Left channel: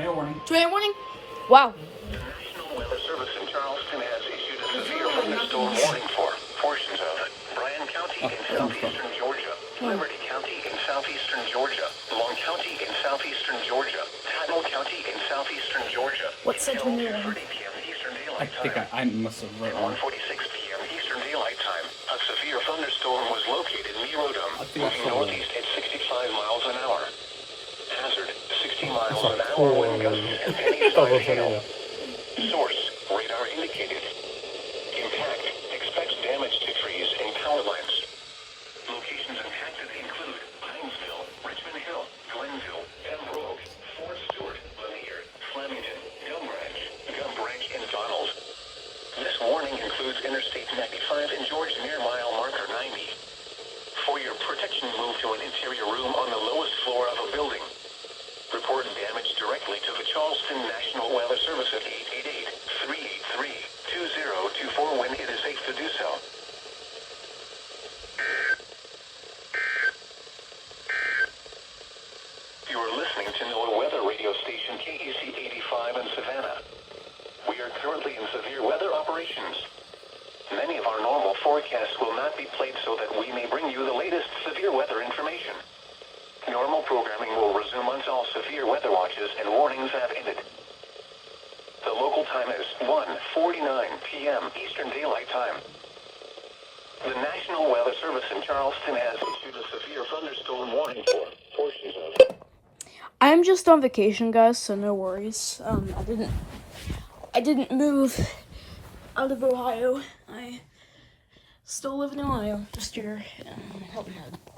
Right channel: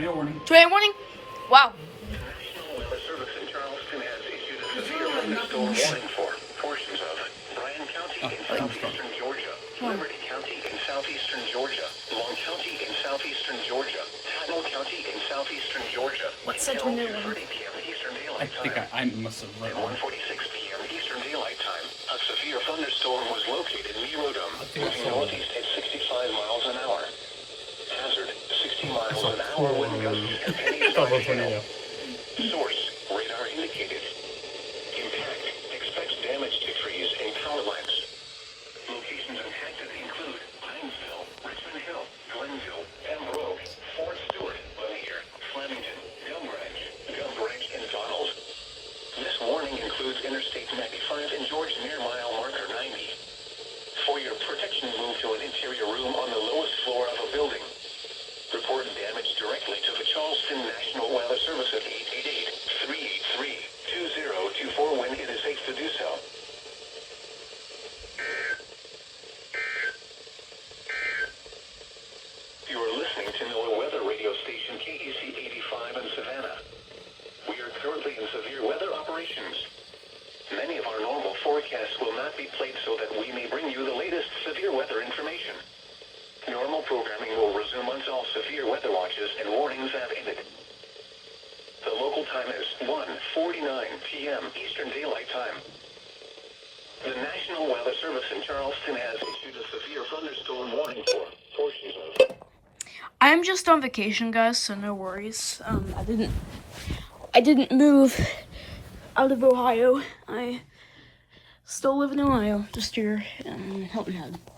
Tornado warning. Tornado warning? Wow. National Weather Service in Charleston has issued a severe thunderstorm warning for portions of Bryan County in southeastern Georgia, Liberty County in southeastern Georgia, Long County in southeastern Georgia, Patmore County in southeastern Georgia. What's the Until tornado? 2:30 p.m. Eastern I Daylight think Time. I must have read At wrong. 1:46 p.m. Eastern Daylight Time, a severe thunderstorm was located near Rodom, moving northeast at 65 miles an hour. Hazard, 60 miles an hour wind gusts and penny-sized hail. Source, radar indicated. Impact, expects damage to trees and power lines. Locations impacted include Hinesville, Richmond Hill, Glenville, Pembroke, Fort Stewart, Lanier, Flemington, Gum Branch, and Donald. This warning includes Interstate 95 and George near mile marker 90. For your protection, move to an interior room on the lowest floor of a building. Report damage directly to the Charleston National Weather Service at 888-383-2024 when it is safe to do so. You are listening to NOAA weather radio station KEC 85 in Savannah. We are currently in severe weather operations. Many of our normal forecasts will not be played so that we may bring you the latest severe weather information. Normal programming will resume once all severe weather watches and warnings have ended. The local time is 1:49 p.m. Eastern Daylight Time. The National Weather Service in Charleston has issued a severe thunderstorm warning for portions of... I'm just on vacation, guys, so no worries. I didn't move out of Ohio. I still live in Ohio, just here in Hilton Head.